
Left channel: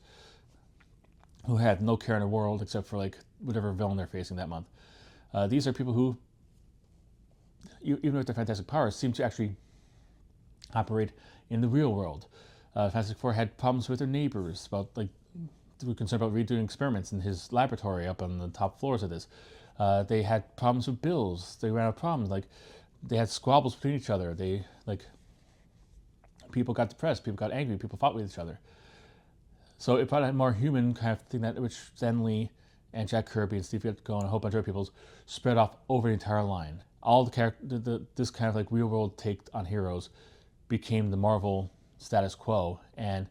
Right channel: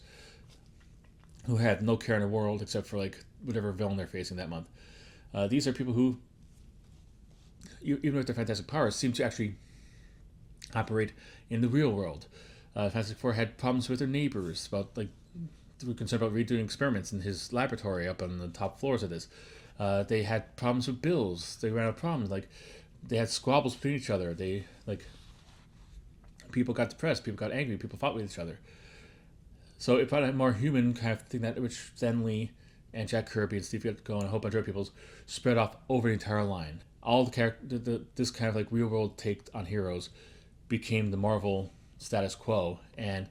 who had no care in the world except for like whatever villain they're facing that month. These are people who, even with their fantastic powers, seem to actually operate in the real world. Fantastic Four had problems with their neighbors about like they were concerned about redoing experiments in his laboratory up on the top floors of this. They had problems with bills. They ran out of problems. Like they had squabbles between each other. They like people got depressed. People got angry. People fought with each other. So it brought a more human kind of thing that which Stan Lee and Jack Kirby and Steve Ditko and a whole bunch of other people spread off over the entire line. All this kind of like real world take on heroes became the Marvel status quo, and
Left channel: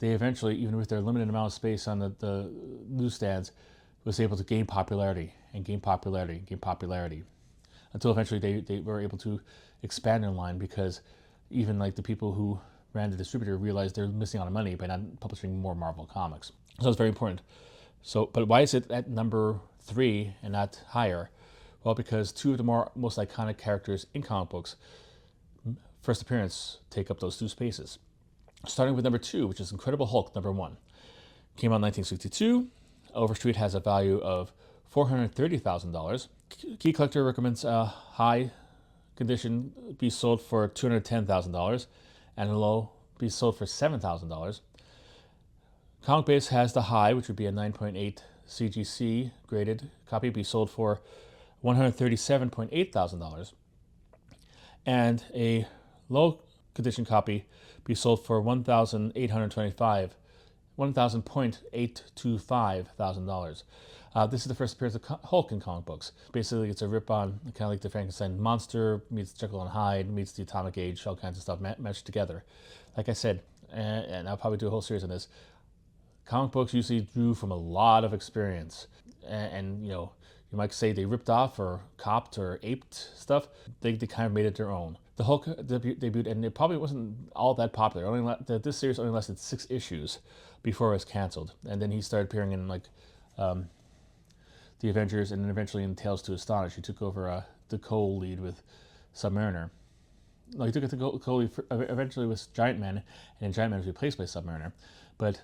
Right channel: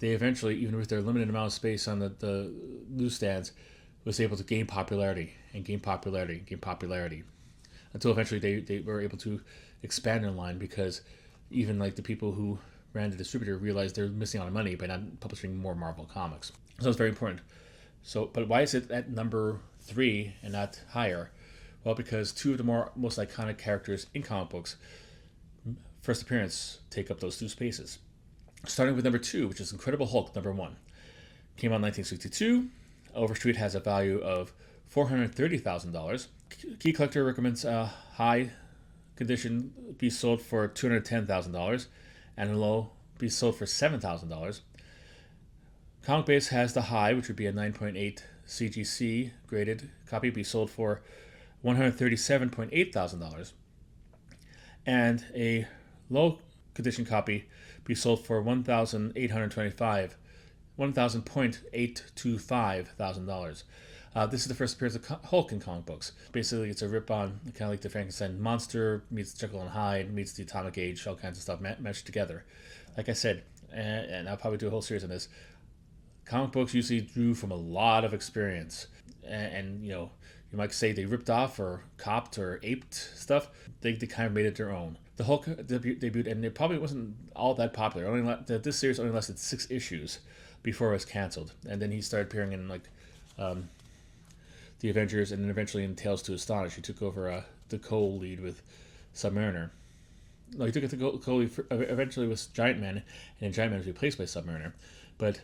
they eventually, even with their limited amount of space on the newsstands, was able to gain popularity until eventually they were able to expand in line because even like the people who ran the distributor realized they're missing out on money by not publishing more Marvel comics. So it's very important. So, but why is it at number 3 and not higher? Well, because two of the most iconic characters in comic books first appearance take up those two spaces. Starting with number 2, which is Incredible Hulk number 1. Came out in 1962. Overstreet has a value of $430,000. Key Collector recommends a high condition be sold for $210,000 and a low be sold for $7,000. Comic Base has the high, which would be a 9.8 CGC graded copy, be sold for $137,800, and a low condition copy be sold for $1,825,000. This is the first appearance of Hulk in comic books. Basically, it's a rip-on, kind of like the Frankenstein monster meets Jekyll and Hyde meets the Atomic Age, all kinds of stuff meshed together. Like I said, and I'll probably do a whole series on this, comic books usually drew from a lot of experience. And you might say they ripped off or copped or aped stuff. They kind of made it their own. The Hulk debuted, and it probably wasn't all that popular. This series only lasted 6 issues before it was canceled. And then he started appearing in like the Avengers, and then eventually in Tales to Astonish, he took over the co-lead with Submariner. No, he took the co-lead eventually with Giant Man, and then Giant Man was replaced by Submariner. But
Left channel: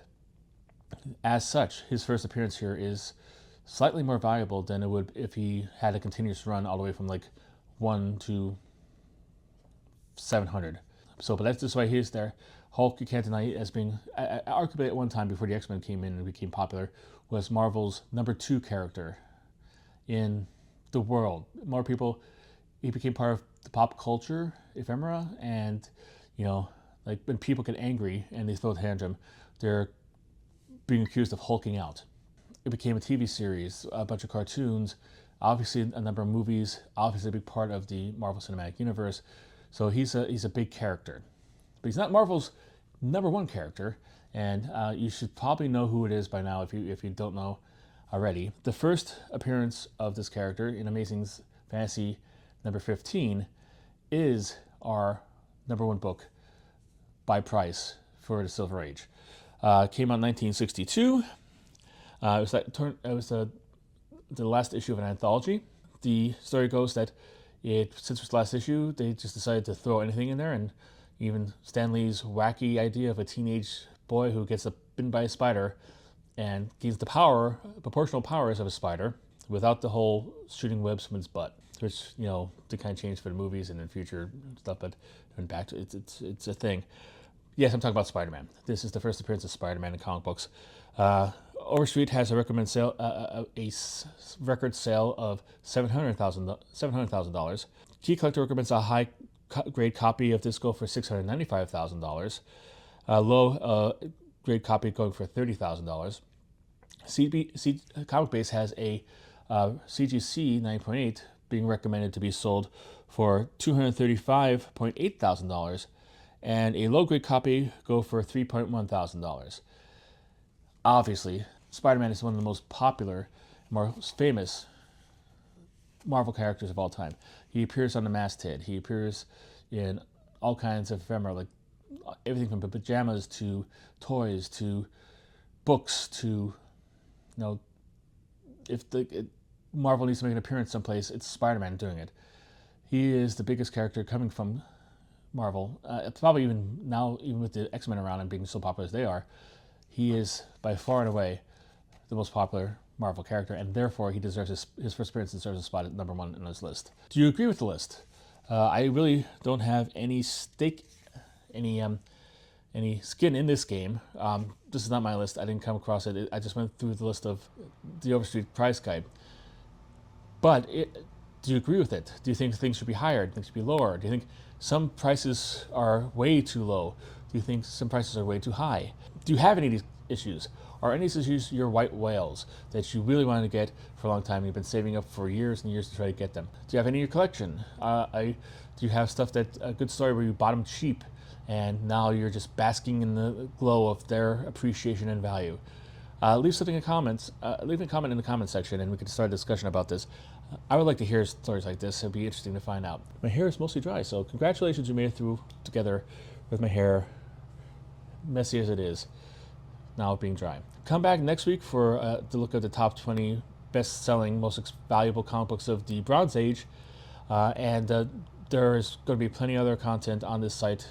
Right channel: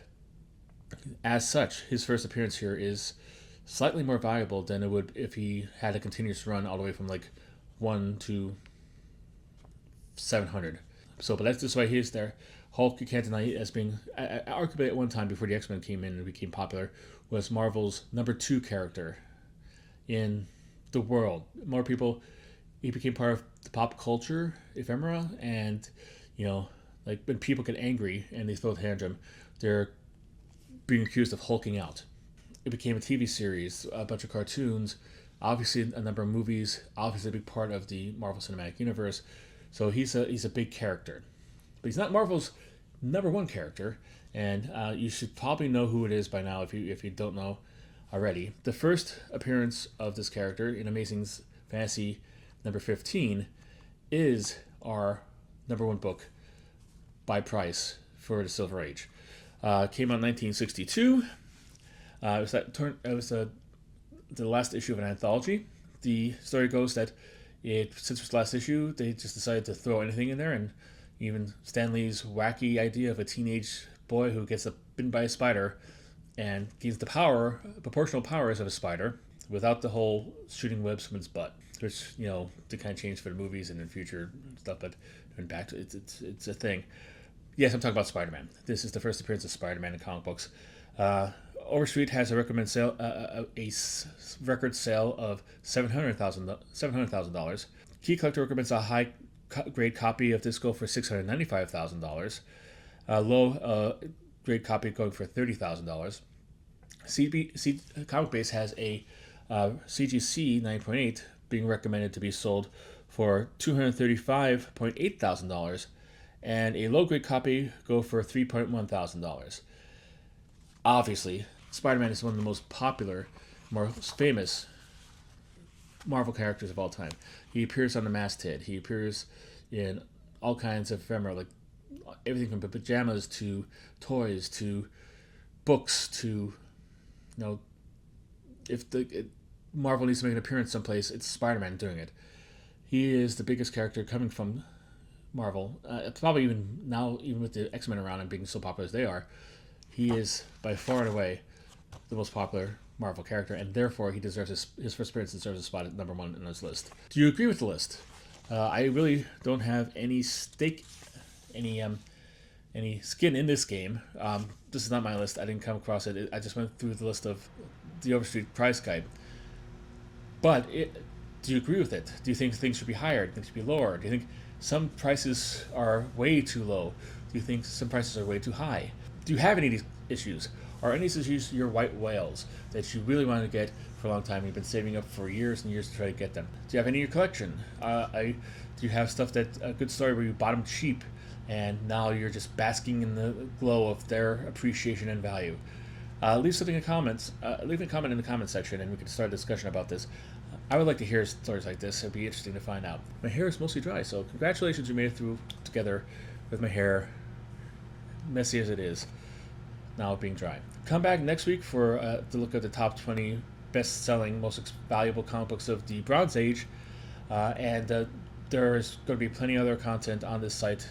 as such, his first appearance here is slightly more valuable than it would if he had a continuous run all the way from like 1 to 700. So, but that's just why he's there. Hulk, you can't deny, as being arguably at one time before the X-Men came in and became popular, was Marvel's number 2 character in the world. More people, he became part of the pop culture ephemera, and like when people get angry and they throw a tantrum, they're being accused of hulking out. It became a TV series, a bunch of cartoons, obviously a number of movies, obviously a big part of the Marvel Cinematic Universe. So he's a big character, but he's not Marvel's number 1 character, and you should probably know who it is by now if you don't know already. The first appearance of this character in Amazing Fantasy number 15 is our number 1 book by price for the Silver Age. Came out in 1962. It was the last issue of an anthology. The story goes that since it was the last issue, they just decided to throw anything in there, and even Stan Lee's wacky idea of a teenage boy who gets bitten by a spider and gains the proportional powers of a spider without the whole shooting webs from its butt, which, to kind of change for the movies and in future stuff, but back to it's a thing. Yes, I'm talking about Spider-Man. This is the first appearance of Spider-Man in comic books. Overstreet has a record sale of $700,000. Key Collector recommends a high grade copy of this go for $695,000. Low grade copy going for $30,000. Comic Base has a CGC 9.8 being recommended to be sold for $235,800, and a low-grade copy go for $3,100. Obviously, Spider-Man is one of the most popular, most famous Marvel characters of all time. He appears on the masthead. He appears in all kinds of ephemera, like everything from pajamas to toys to books to, if Marvel needs to make an appearance someplace, it's Spider-Man doing it. He is the biggest character coming from Marvel. Probably even now, even with the X-Men around and being so popular as they are, he is by far and away the most popular Marvel character, and therefore he deserves his first appearance deserves a spot at number 1 on this list. Do you agree with the list? I really don't have any stake, any skin in this game. This is not my list. I didn't come across it. I just went through the list of the Overstreet price guide. But do you agree with it? Do you think things should be higher? Do you think should be lower? Do you think some prices are way too low? Do you think some prices are way too high? Do you have any of these issues? Are any of these issues your white whales that you really wanted to get for a long time? You've been saving up for years and years to try to get them. Do you have any in your collection? Do you have stuff that a good story where you bought them cheap and now you're just basking in the glow of their appreciation and value? Leave something in the comments. Leave a comment in the comment section and we can start a discussion about this. I would like to hear stories like this. It'd be interesting to find out. My hair is mostly dry, so congratulations, you made it through together with my hair, messy as it is, now being dry. Come back next week for to look at the top 20 best-selling, most valuable comic books of the Bronze Age, and there is going to be plenty of other content on this site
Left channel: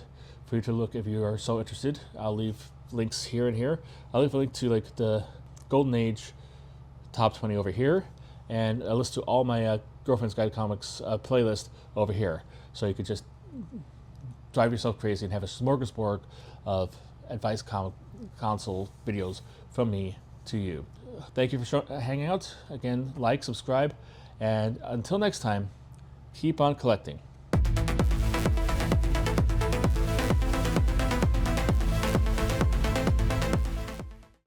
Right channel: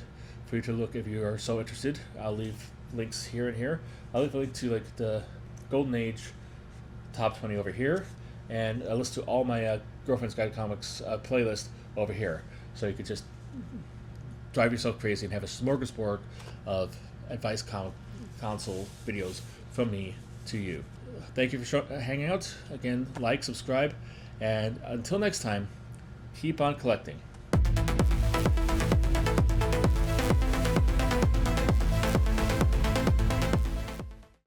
for you to look if you are so interested. I'll leave links here and here. I'll leave a link to like the Golden Age top 20 over here, and a list to all my Girlfriend's Guide Comics playlist over here, so you could just drive yourself crazy and have a smorgasbord of advice comic console videos from me to you. Thank you for hanging out. Again, like, subscribe, and until next time, keep on collecting.